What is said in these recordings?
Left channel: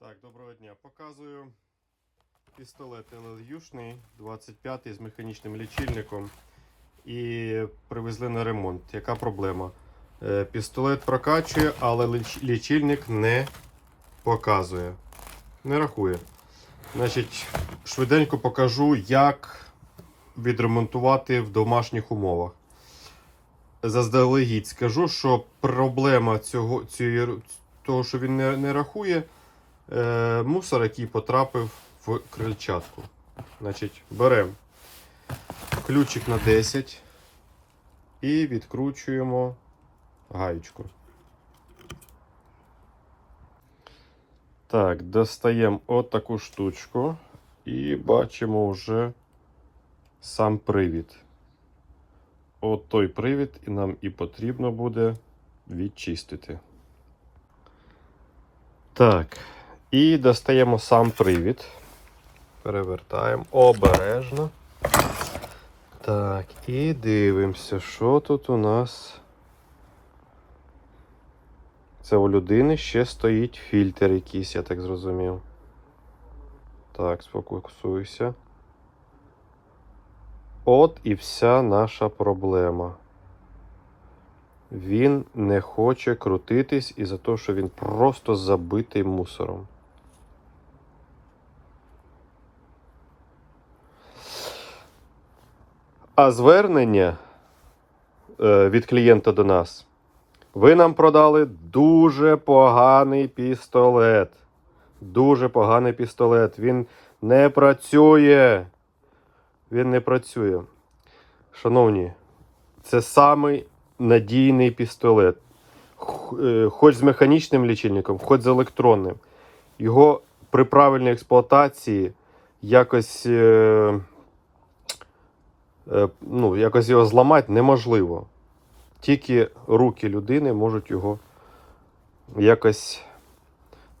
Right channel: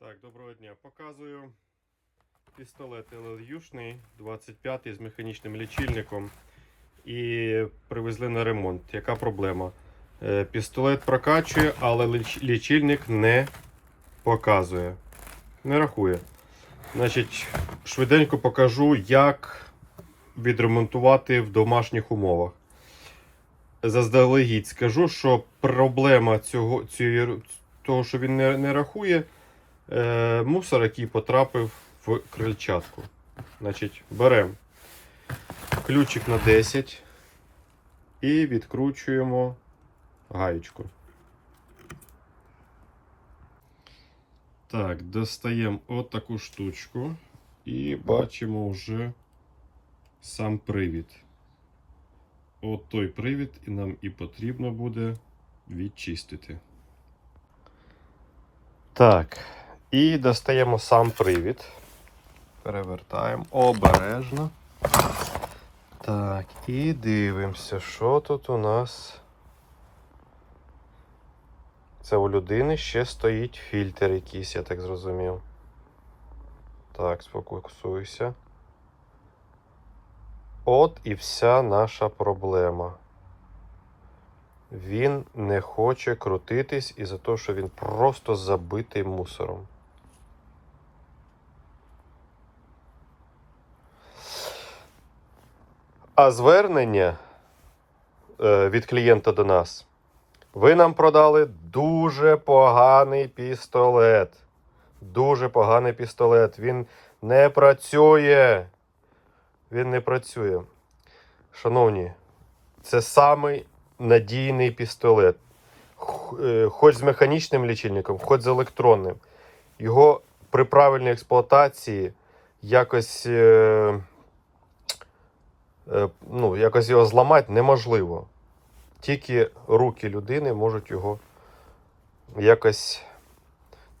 Так, доброго дня. Показую пістолет LLU-шний 25 з механічним лічильником. І привезли на ремонт. Яка проблема? Е, Пістолет прокачує, але лічильник не показує. Не рахує. Значить, швиденько покажу, як відремонтувати в домашніх умовах. Заздалегідь скажу, що проблема цього, цієї, того, що він не, не рахує, е, мусор, який потрапив в крильчатку. Значить, беремо ключик на 10 і відкручуємо гаєчку. Так, достаємо отаку штучку і бачимо вже сам привід. От той привід і нам і потрібно буде відчистити. Так, і достаємо сам привід. Перевертаємо обережно. Так, і дивимося, що тут у нас. Це у людини ще стоїть фільтр якийсь, я так зрозумів. Так, сфокусуйся. От і вся наша проблема. Він не хоче крутитись із-за того, що він просто забитий мусором. Звернення е, від клієнта до нас. Ви нам продали дуже поганий пістолет. Дуже поганий пістолет. Він не працює. Він не працює. Шановні, це самий надійний пістолет. Е, Хоч з механічним лічильником, хоч з електронним. Його при правильній експлуатації якось, е, ну, якось його зламати неможливо. Тільки руки людини можуть його якось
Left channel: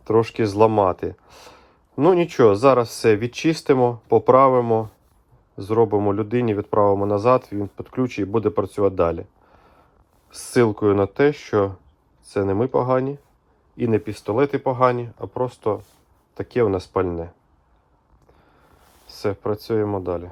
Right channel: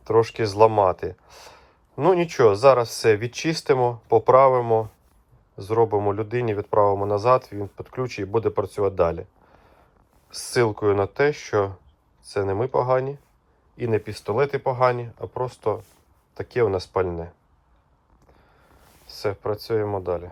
трошки зламати. Ну нічого, зараз все відчистимо, поправимо, зробимо людині, відправимо назад, він підключить і буде працювати далі. З ссилкою на те, що це не ми погані і не пістолети погані, а просто таке у нас пальне. Все, працюємо далі.